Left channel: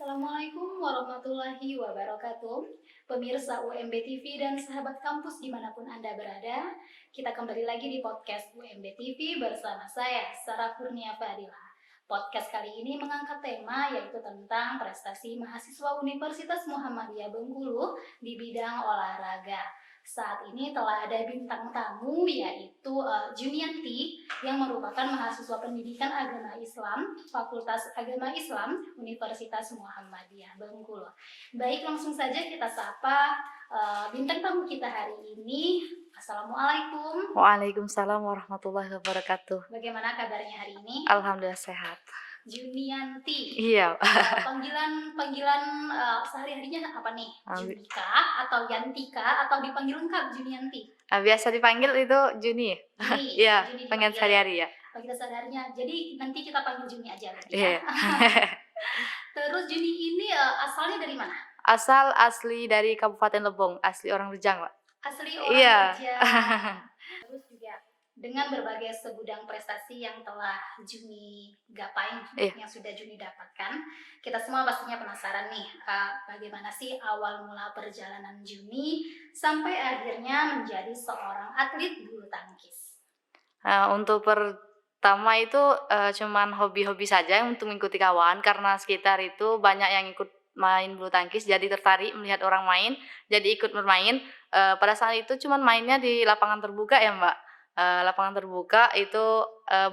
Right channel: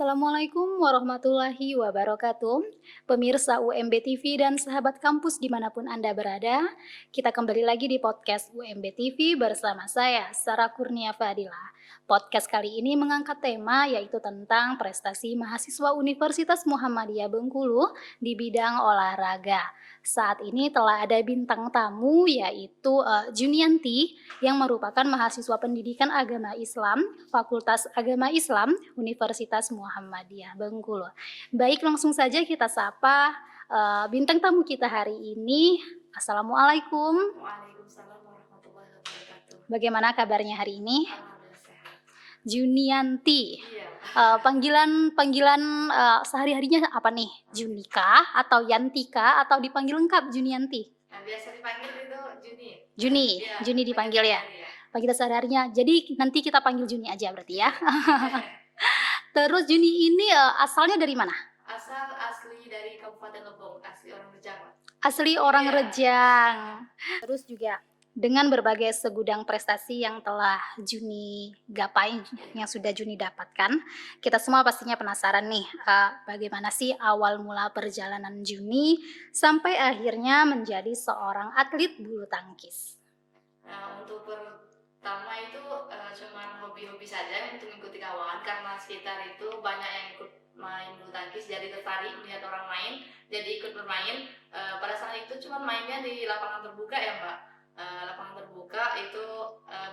Assalamualaikum warahmatullahi wabarakatuh. Pemirsa UMB TV dan sahabat kampus dimanapun Anda berada, kita kembali lagi di podcast UMB TV bersama saya, Sarah Kurnia Fadila. Podcast kali ini mengangkat tema yaitu tentang prestasi mahasiswa Universitas Muhammadiyah Bengkulu di bidang olahraga. Saat ini telah ada bintang tamu yaitu Junianti yang merupakan mahasiswa pendidikan agama Islam, Fakultas Agama Islam, Universitas Muhammadiyah Bengkulu. Baik, langsung saja kita sapa bintang tamu kita hari ini. Assalamualaikum. Waalaikumsalam warahmatullahi wabarakatuh. Bagaimana kabarnya hari ini? Alhamdulillah sehat. Junianti. Iya. Panggilan sehari-harinya apa nih? Junika atau Yantika atau dipanggil lengkap Junianti? Biasa dipanggil itu Juni. Juni, Iya, Juni panggil dipanggil ya. sehari-hari ya. Panggilan sehari-harinya. Jadi nanti kita panggil Juni aja berarti ya. Iya. Terus Juni ini asalnya dari mana? Asli dari Kabupaten Lebong, asli orang Rejang, Pak. Asli orang Iya. Rejang. Terus juga dengan berbagai segudang prestasi yang telah Juni gapai, yang sudah Juni dapatkan, kita semua pastinya penasaran nih, bagaimana sih awal mula perjalanan Juni sampai akhirnya menjadi seorang atlet bulu tangkis. Untuk pertama itu cuman hobi-hobi saja untuk mengikuti kawan, karena sekitar itu banyak yang ikut main bulu tangkis, jadi tertarik melihat orang main, jadi ikut bermain. Pada saat itu cuman mainnya di lapangan terbuka ya, Mbak. Lapangan terbuka itu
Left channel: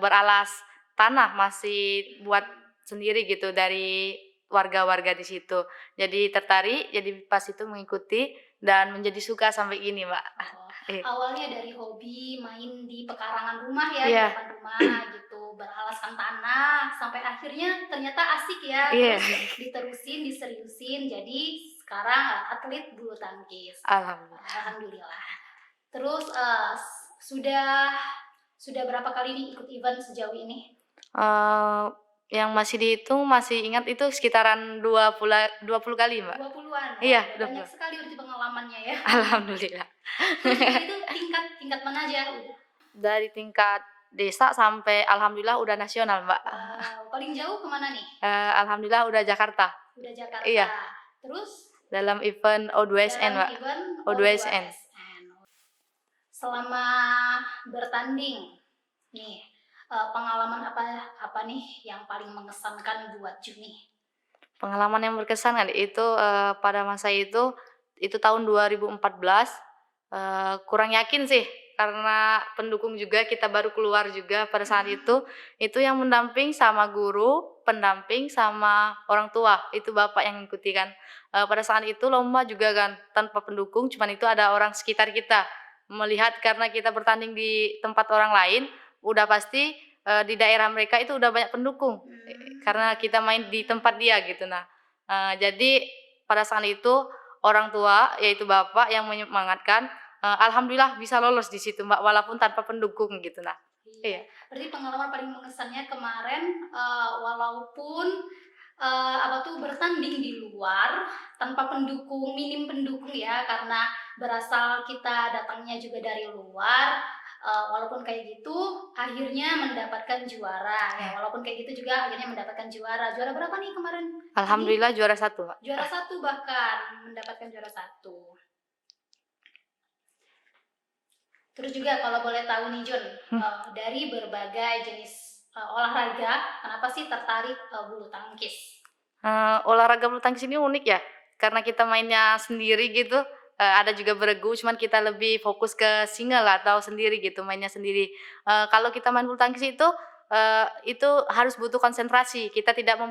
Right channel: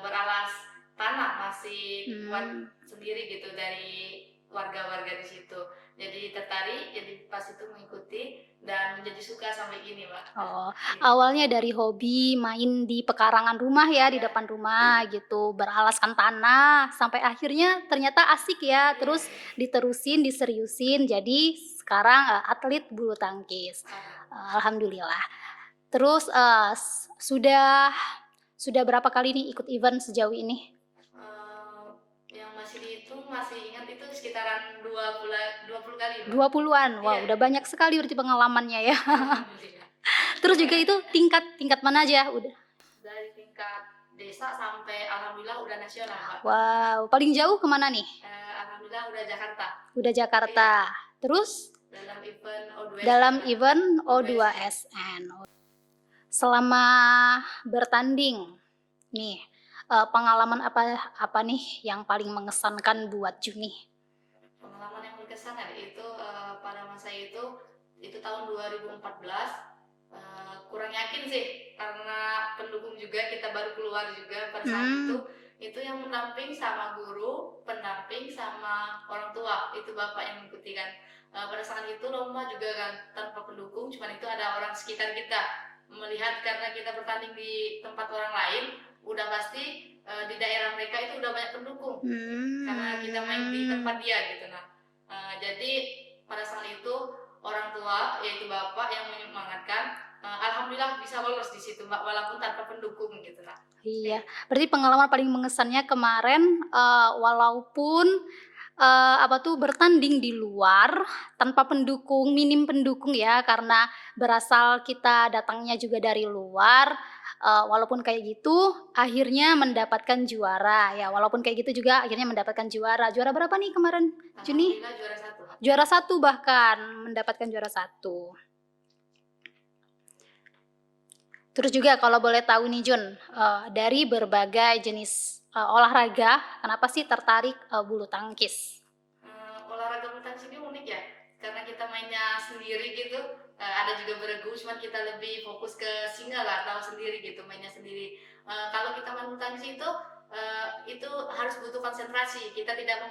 beralas tanah, masih buat sendiri gitu dari warga-warga di situ. Jadi tertarik, jadi pas itu mengikuti dan menjadi suka sampai gini, Mbak. Oh, awalnya dari hobi main di pekarangan rumah ya, di Iya. depan rumah gitu, beralaskan tanah, sampai akhirnya ternyata asik ya, Iya. terus diterusin, diseriusin, jadi sekarang atlet bulu tangkis. Alhamdulillah. Terus sudah berapa kali nih ikut event sejauh ini? Yang masih dihitung, masih ingat itu sekitaran 20 kali, Mbak. 20-an? Wah, Iya, udah banyak sekali berarti pengalamannya ya. Alhamdulillah. Terus juga itu tingkat mana aja udah? Dari tingkat desa sampai alhamdulillah udah nasional, Mbak. Wow, paling jauh kemana nih? Alhamdulillah udah Jakarta. Udah Jakarta. Iya. Terus? Dalam event O2SN, Dalam Mbak. event O2SN. O2SN. Selama bertanding nih, pengalaman apa nih yang paling mengesankan buat Juni? Pengalaman yang berkesan kan itu pada masa itu tahun 2014, kurang yakin sih karena pendukung juga, kita baru keluar juga pada saat itu yang mendamping sama guru, pendamping sama orang tua, itu bapak yang ngikuti kan. Pada saat itu lomba juga kan tanpa pendukung, cuman itu ada orang sekitar kita melihat, karena kita bertanding di tempat orang lain, udah pasti di daerah mereka itu udah banyak pendukung, karena kita main di tempat dia gitu. Jadi pada saat itu orang tua yaitu bapak yang menyemangatkan, alhamdulillah bisa lolos di situ, Mbak, walaupun tanpa pendukung gitu. Iya, berarti pengalaman paling mengesannya kemarin, walaupun bertanding di luar tanpa pendukung, minim pendukung ya, karena berasal kita datangnya juga dari luar, walaupun kayak gitu akhirnya mendapatkan juara ya, walaupun kayak gitu juga akhirnya mendapatkan juara. Juara berapa nih kemarin, Juni? Alhamdulillah juara 1, Mbak. Juara 1 bahkan, mendapatkan juara 1. Terus juga kalau boleh tahu nih Jun, dari berbagai jenis olahraga, kenapa sih tertarik bulu tangkis? Olahraga bulu tangkis ini unik ya, karena kita mainnya sendiri gitu, ada juga beregu, cuman kita lebih fokus ke single atau sendiri gitu, mainnya sendiri. Kalau kita main bulu tangkis itu harus butuh konsentrasi, kita tidak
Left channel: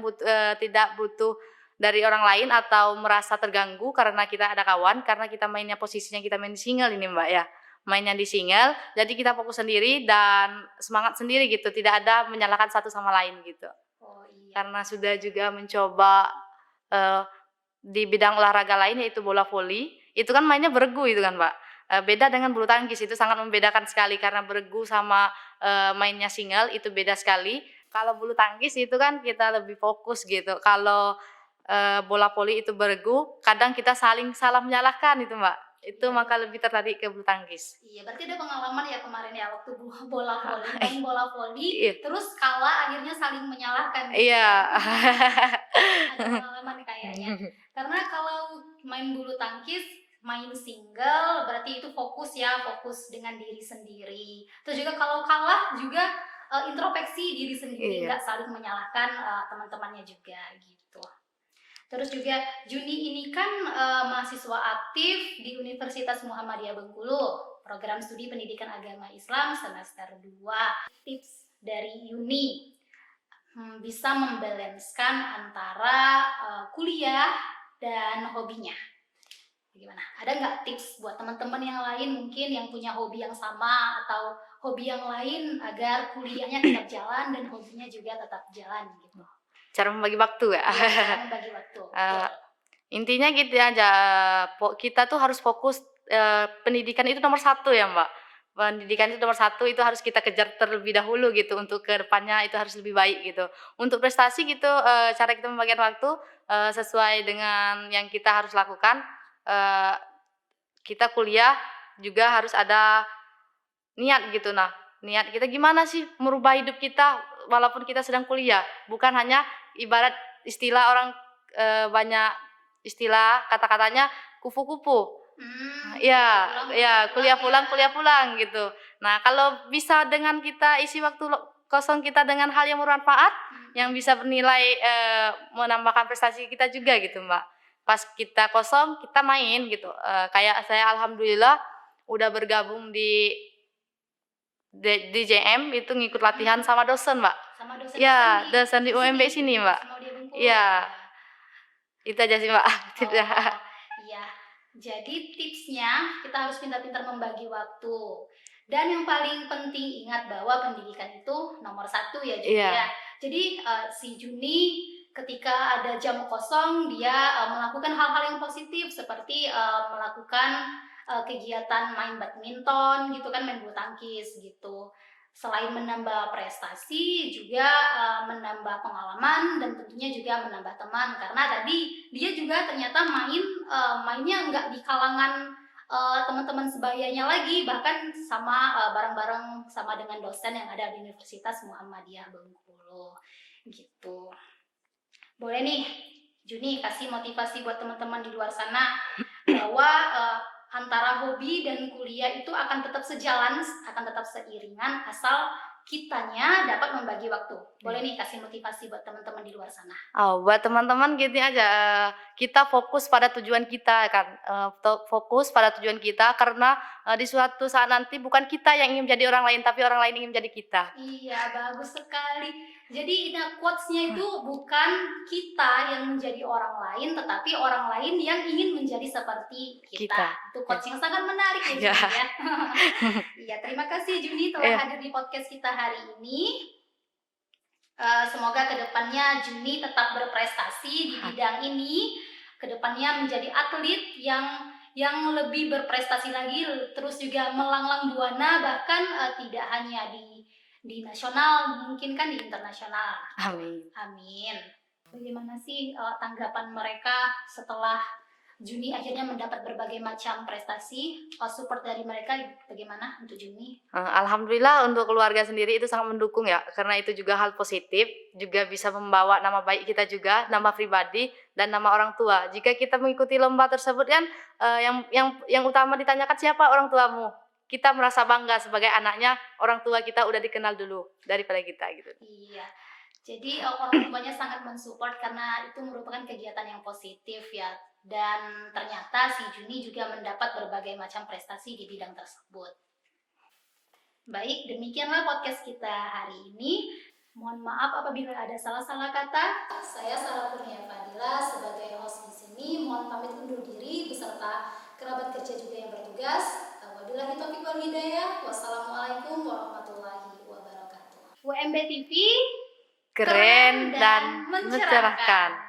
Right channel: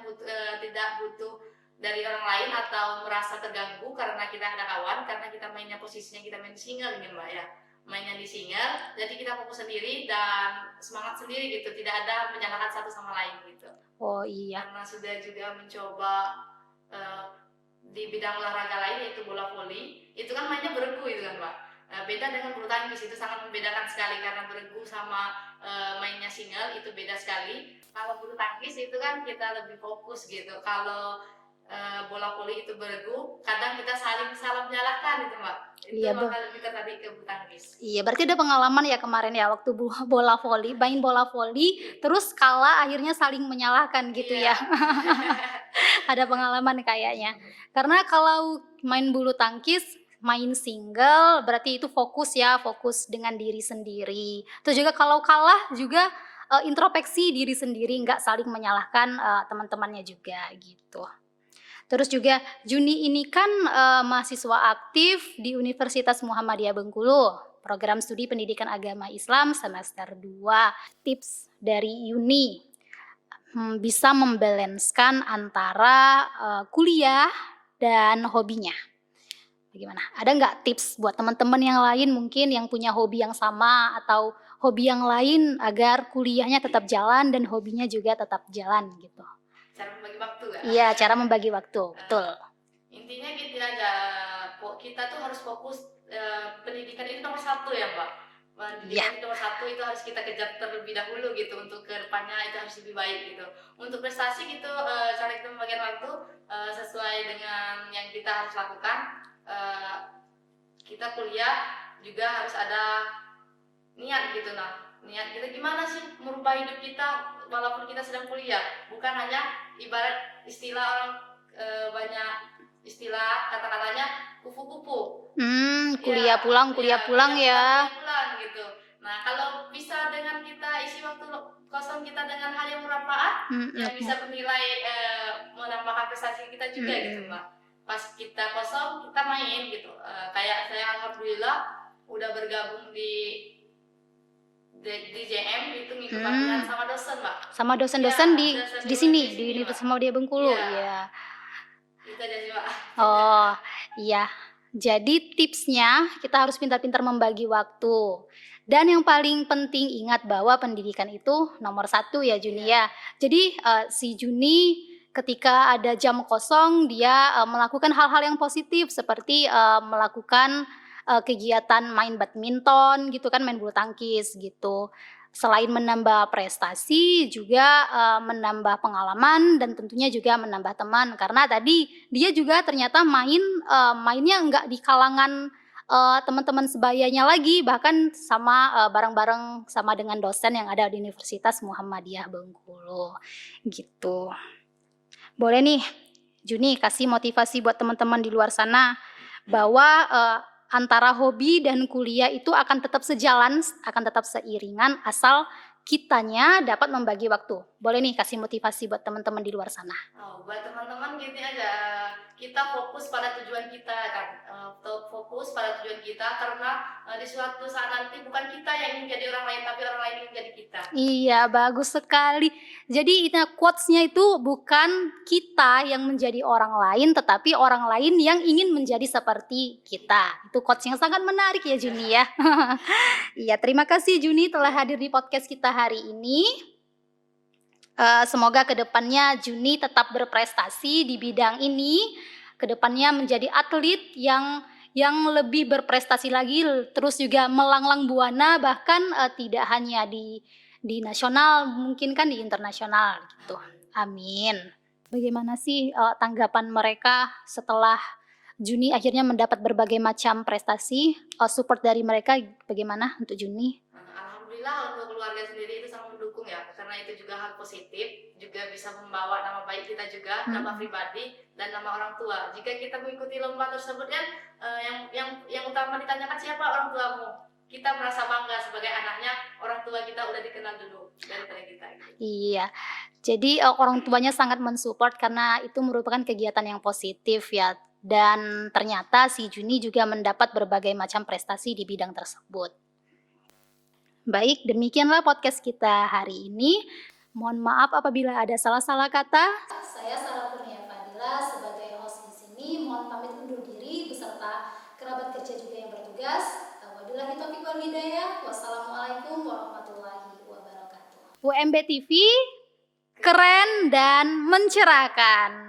butuh dari orang lain atau merasa terganggu karena kita ada kawan, karena kita mainnya posisinya kita main di single ini, Mbak, ya. Mainnya di single, jadi kita fokus sendiri dan semangat sendiri gitu, tidak ada menyalahkan satu sama lain gitu. Oh iya. Karena sudah juga mencoba di bidang olahraga lain yaitu bola voli, itu kan mainnya beregu itu kan, Mbak. Beda dengan bulu tangkis, itu sangat membedakan sekali karena beregu sama mainnya single itu beda sekali. Kalau bulu tangkis itu kan kita lebih fokus gitu. Kalau bola voli itu bergu, kadang kita saling salah menyalahkan itu, Mbak. Itu Iya, maka lebih tertarik ke bulu tangkis. iya, berarti ada pengalaman ya kemarin ya waktu bola voli, main bola voli, It terus kalah akhirnya saling menyalahkan gitu iya. ya. Ada pengalaman kayaknya. Karena kalau main bulu tangkis, main single berarti itu fokus ya, fokus dengan diri sendiri. Terus juga kalau kalah juga, introspeksi diri sendiri, Iya. nggak saling menyalahkan, teman-temannya juga gitu. Terus juga Juni ini kan, mahasiswa aktif di Universitas Muhammadiyah Bengkulu, program studi pendidikan agama Islam semester 2. Tips dari Yuni, bisa membalanskan antara, kuliah dan hobinya. Bagaimana? Ada nggak tips buat teman-teman yang lain mungkin yang punya hobi yang sama atau hobi yang lain agar kuliahnya tetap jalan dan hobinya juga tetap jalan gitu? Cara membagi waktu ya? Iya, cara membagi waktu, betul. Eee, intinya gitu aja, kita tuh harus fokus, pendidikan itu nomor satu ya, Mbak. Iya, Pendidikan itu nomor satu, itu harus kita kejar terlebih dahulu gitu, untuk ke depannya itu harus lebih baik gitu. Untuk prestasi gitu, cara kita membagikan waktu, sesuai dengan yang kita harus lakukan, eee, kita kuliah juga harus ada niat gitu. Nah, niat kita gimana sih merubah hidup kita walaupun kita sedang kuliah, bukan hanya ibarat istilah orang, banyak istilah kata-katanya kupu-kupu. Iya, kuliah iya, pulang ya. kuliah pulang gitu. Nah, kalau bisa dengan kita isi waktu kosong kita dengan hal yang bermanfaat, yang Mhm, bisa bernilai, menambahkan prestasi kita juga gitu, mhm. Mbak. Pas kita kosong, kita main gitu, kayak saya alhamdulillah udah bergabung di DJM itu ngikut latihan Mmm, sama dosen, Mbak. sama dosen-dosen Iya, dosen di di UMB sini, di sini, Mbak. Universitas Muhammadiyah Bengkulu? Iya, Iya. itu aja sih, Mbak. Oh, iya. Jadi tipsnya kita harus pintar-pintar membagi waktu. Dan yang paling penting ingat bahwa pendidikan itu nomor satu ya Juni ya. Iya, Jadi, si Juni ketika ada jam kosong dia, melakukan hal-hal yang positif seperti, melakukan, kegiatan main badminton gitu kan, main bulu tangkis gitu. Selain menambah prestasi juga, menambah pengalaman dan tentunya juga menambah teman. Karena tadi dia juga ternyata mainnya nggak di kalangan, teman-teman sebayanya lagi, bahkan sama, bareng-bareng sama dengan dosen yang ada di Universitas Muhammadiyah Bengkulu, gitu. Boleh nih, Juni kasih motivasi buat teman-teman di luar sana bahwa, antara hobi dan kuliah itu akan tetap sejalan, akan tetap seiringan asal kitanya dapat membagi waktu. Boleh iya. nih kasih motivasi buat teman-teman di luar sana. Oh, buat teman-teman gini aja, kita fokus pada tujuan kita kan, fokus pada tujuan kita karena, di suatu saat nanti bukan kita yang ingin menjadi orang lain, tapi orang lain ingin menjadi kita. Iya, bagus sekali. Jadi quotes-nya itu bukan kita yang menjadi orang lain, tetapi orang lain yang ingin menjadi seperti kita. Kita. Itu Ya. quotes yang sangat menarik ya, Iya. Juni ya. Iya, terima kasih Juni telah Iya. hadir di podcast kita hari ini. Semoga kedepannya Juni tetap berprestasi di bidang ini, kedepannya menjadi atlet yang lebih berprestasi lagi, terus juga melanglang buana bahkan, tidak hanya di nasional, mungkin kan di internasional gitu. Amin. Amin. Bagaimana sih, tanggapan mereka setelah Juni akhirnya mendapat berbagai macam prestasi, support dari mereka bagaimana untuk Juni? Alhamdulillah untuk keluarga sendiri itu sangat mendukung ya, karena itu juga hal positif, juga bisa membawa nama baik kita juga, nama Mhm. pribadi dan nama orang tua. Jika kita mengikuti lomba tersebut kan, yang utama ditanyakan siapa orang tuamu. Kita merasa bangga sebagai anaknya, orang tua kita udah dikenal dulu daripada kita gitu. Iya. Jadi, orang tuanya sangat mensupport karena itu merupakan kegiatan yang positif ya, dan ternyata si Juni juga mendapat berbagai macam prestasi di bidang tersebut. Baik, demikianlah podcast kita hari ini. Mohon maaf apabila ada salah-salah kata. Saya Sarah Kurnia Fadila sebagai host di sini mohon pamit undur diri beserta kerabat kerja juga yang bertugas. Wabillahi taufiq wal hidayah. Wassalamualaikum warahmatullahi wabarakatuh. UMB TV keren dan mencerahkan.